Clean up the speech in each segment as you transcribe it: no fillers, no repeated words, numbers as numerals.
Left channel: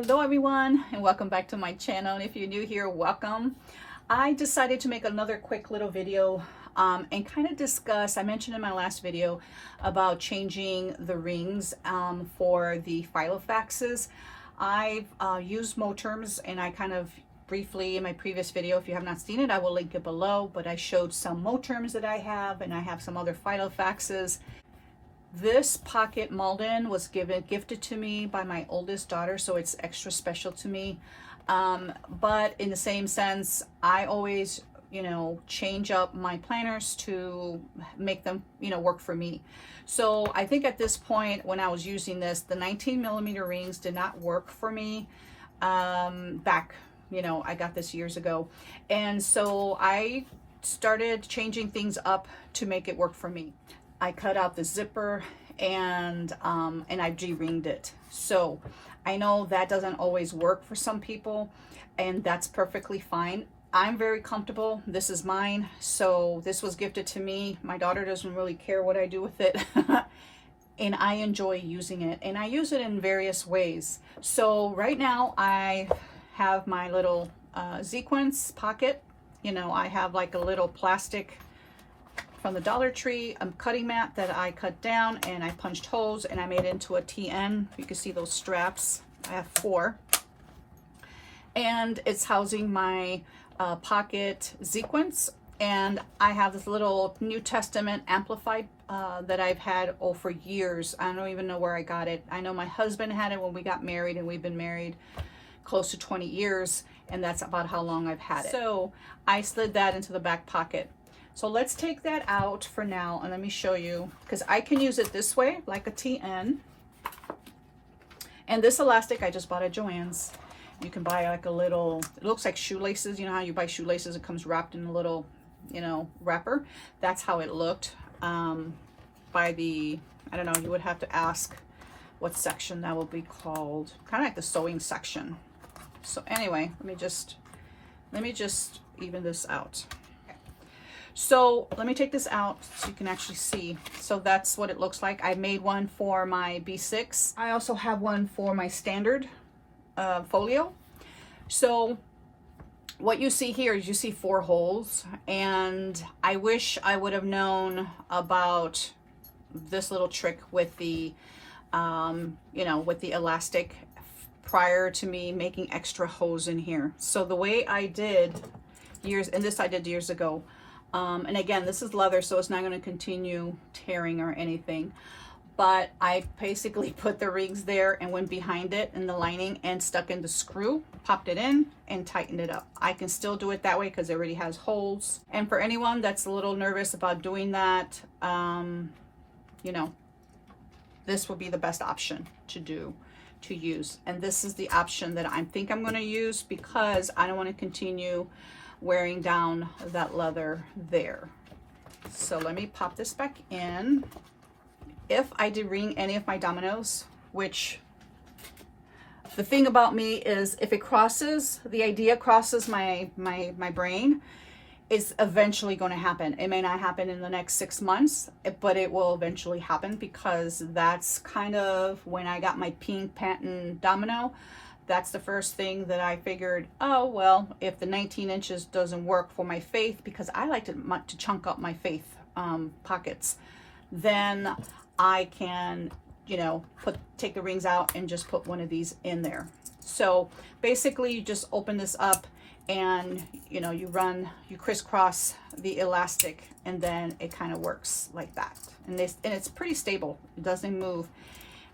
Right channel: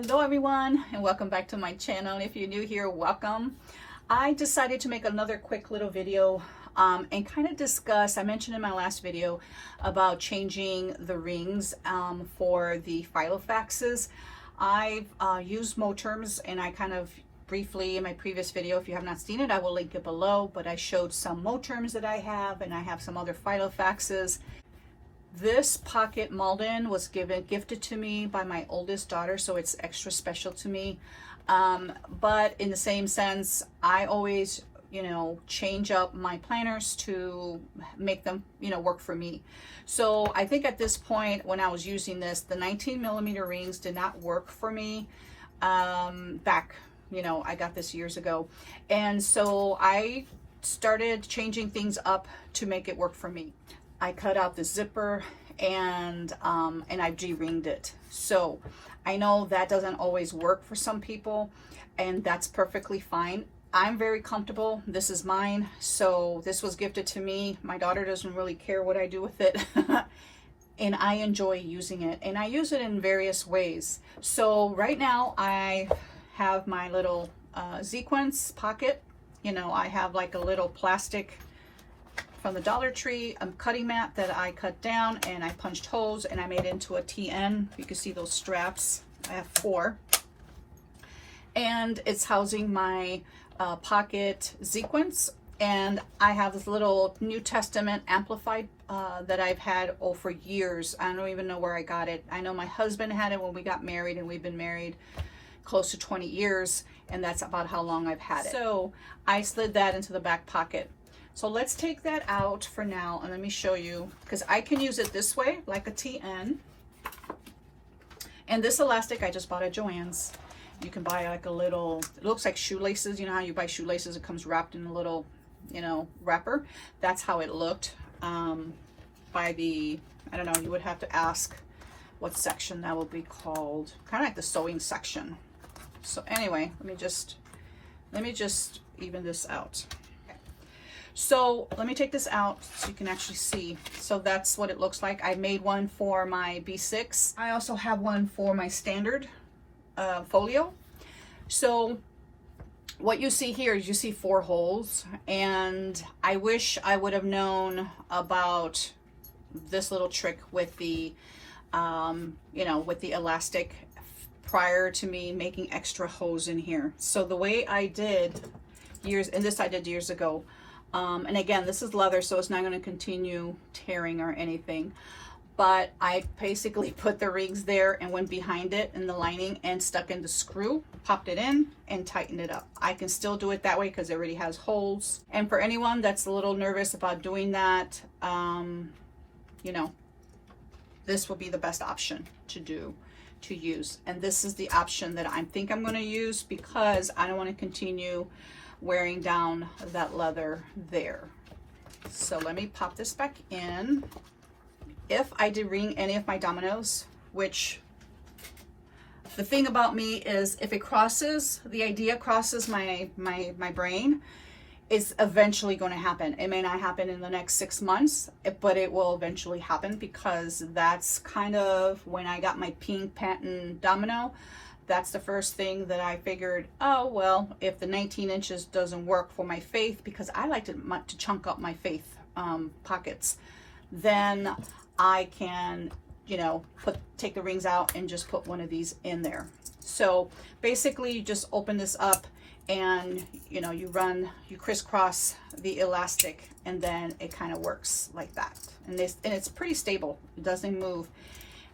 Hello everyone, and welcome back to my channel. And if you're new here, welcome. I decided to make another quick little video and kind of discuss, I mentioned in my last video about changing the rings for the Filofaxes. I've used Moterms, and I kind of briefly in my previous video, if you have not seen it, I will link it below, but I showed some Moterms that I have, and I have some other Filofaxes. This pocket Malden was gifted to me by my oldest daughter, so it's extra special to me. But in the same sense, I always, change up my planners to make them, work for me. So I think at this point, when I was using this, the 19mm rings did not work for me back, I got this years ago. And so I started changing things up to make it work for me. I cut out the zipper and I de-ringed it. So I know that doesn't always work for some people, and that's perfectly fine. I'm very comfortable. This is mine. So this was gifted to me. My daughter doesn't really care what I do with it. And I enjoy using it, and I use it in various ways. So right now I have my little sequence pocket. I have like a little plastic from the Dollar Tree, a cutting mat that I cut down, and I punched holes and I made it into a TN. You can see those straps. I have 4. And it's housing my pocket sequence. And I have this little New Testament amplified that I've had for years. I don't even know where I got it. I know my husband had it when we got married, and we've been married close to 20 years. And that's about how long I've had it. So I slid that into the back pocket. So let's take that out for now, and let me show you, because I can use it this way, like a TN. And this elastic I just bought at Joann's. You can buy like a little, it looks like shoelaces. You know how you buy shoelaces, it comes wrapped in a little, wrapper. That's how it looked by the, I don't know, you would have to ask what section that would be called. Kind of like the sewing section. So anyway, let me just even this out. So let me take this out so you can actually see. So that's what it looks like. I made one for my B6. I also have one for my standard Folio. So what you see here is you see 4 holes, and I wish I would have known about this little trick with the, with the elastic prior to me making extra holes in here. So the way I did I did years ago. And again, this is leather, so it's not going to continue tearing or anything. But I basically put the rings there and went behind it in the lining and stuck in the screw, popped it in, and tightened it up. I can still do it that way because it already has holes. And for anyone that's a little nervous about doing that, this will be the best option to use. And this is the option that I think I'm going to use because I don't want to continue wearing down that leather there. So let me pop this back in. If I de-ring any of my dominoes, which the thing about me is if it crosses, the idea crosses my brain, it's eventually going to happen. It may not happen in the next 6 months, but it will eventually happen, because that's kind of when I got my pink patent domino. That's the first thing that I figured, oh, well, if the 19 inches doesn't work for my faith, because I like to chunk up my faith pockets, then I can, take the rings out and just put one of these in there. So basically you just open this up and, you crisscross the elastic, and then it kind of works like that. And it's pretty stable. It doesn't move.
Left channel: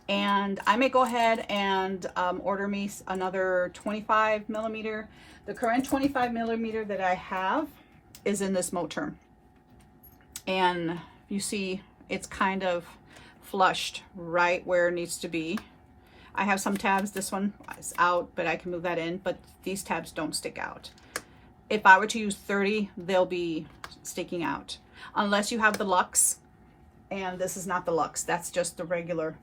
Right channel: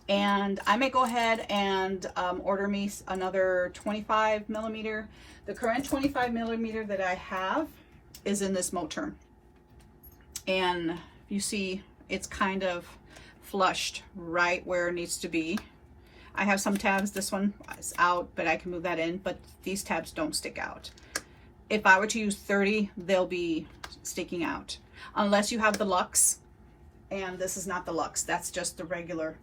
And I may go ahead and order me another 25mm. The current 25mm that I have is in this Moterm. And you see it's kind of flushed right where it needs to be. I have some tabs. This one is out, but I can move that in. But these tabs don't stick out. If I were to use 30, they'll be sticking out. Unless you have the Luxe. And this is not the Luxe. That's just the regular.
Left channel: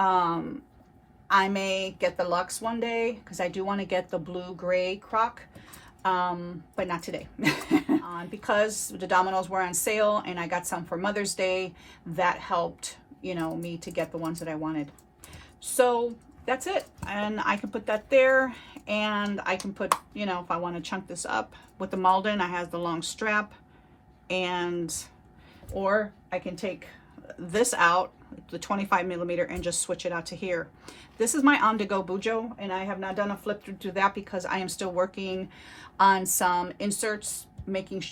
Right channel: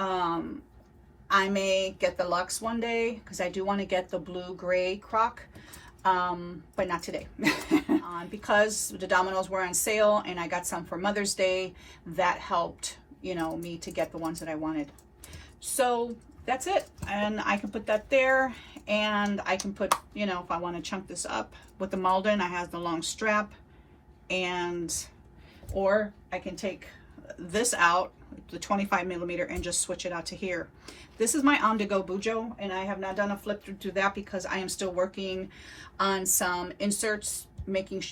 I may get the Luxe one day because I do want to get the blue-gray croc, but not today. Because the dominoes were on sale and I got some for Mother's Day, that helped, me to get the ones that I wanted. So that's it. And I can put that there, and I can put, you know, if I want to chunk this up with the Malden, I have the long strap, and or I can take this out, the 25 millimeter, and just switch it out to here. This is my on-the-go bujo, and I have not done a flip through that because I am still working on some inserts, making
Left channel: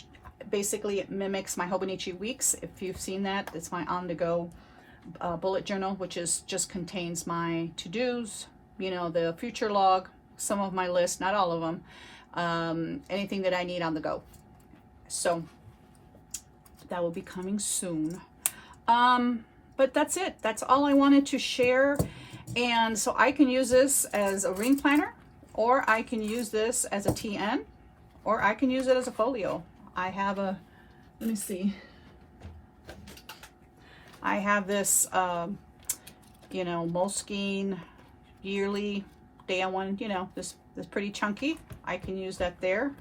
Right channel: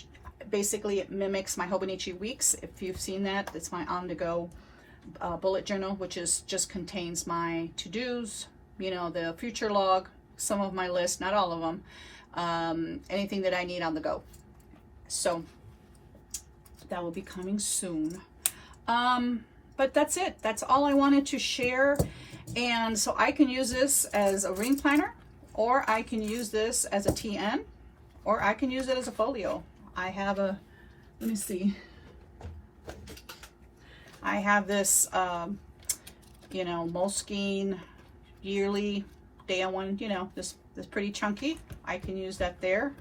basically it mimics my Hobonichi Weeks. If you've seen that, it's my on-the-go bullet journal, which is just contains my to-dos, you know, the future log, some of my list, not all of them, anything that I need on the go. So that will be coming soon. But that's it. That's all I wanted to share. And so I can use this as a ring planner, or I can use this as a TN, or I can use it as a folio. I have a, let me see. I have this, you know, Moleskine yearly day on one, you know, this pretty chunky. I can use that there.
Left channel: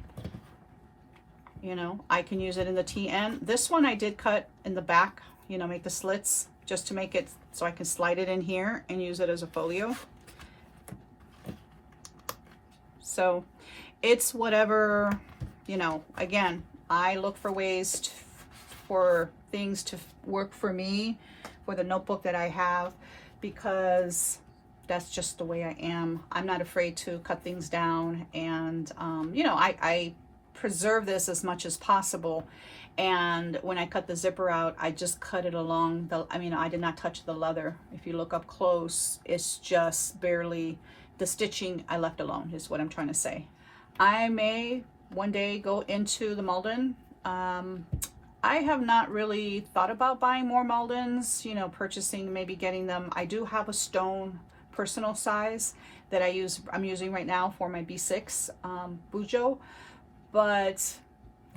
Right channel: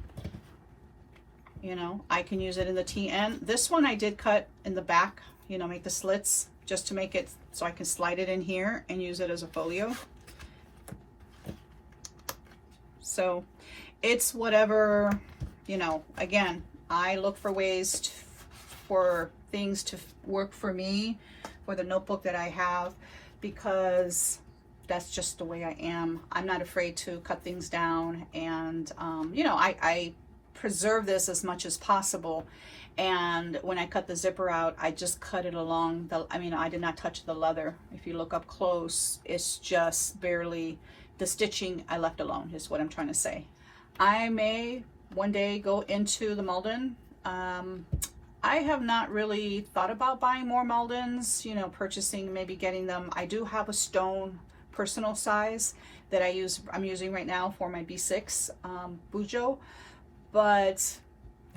You know, I can use it in the TN. This one I did cut in the back, you know, make the slits just to make it so I can slide it in here and use it as a folio. So it's whatever, you know, again, I look for ways for things to work for me, for the notebook that I have, because that's just the way I am. I'm not afraid to cut things down, and you know, I preserve this as much as possible. And when I cut the zipper out, I just cut it along the, I mean, I did not touch the leather. If you look up close, it's just barely, the stitching I left alone is what I'm trying to say. I may one day go into the Malden. I have not really thought about buying more Maldens, you know, purchasing, maybe getting them. I do have a stone personal size that I'm using right now for my B6 bujo, but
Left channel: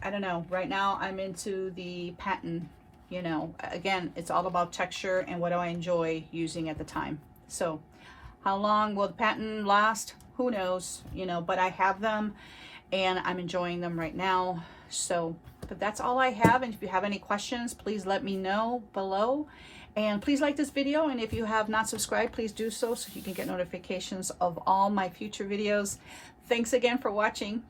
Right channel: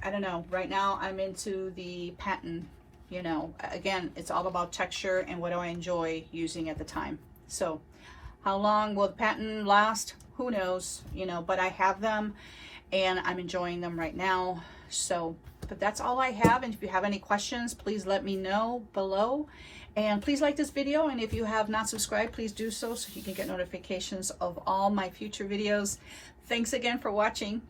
I don't know, right now I'm into the patent, you know, again, it's all about texture and what do I enjoy using at the time. So how long will the patent last? Who knows, you know, but I have them and I'm enjoying them right now. So, but that's all I have. And if you have any questions, please let me know below. And please like this video. And if you have not subscribed, please do so you can get notifications of all my future videos. Thanks again for watching.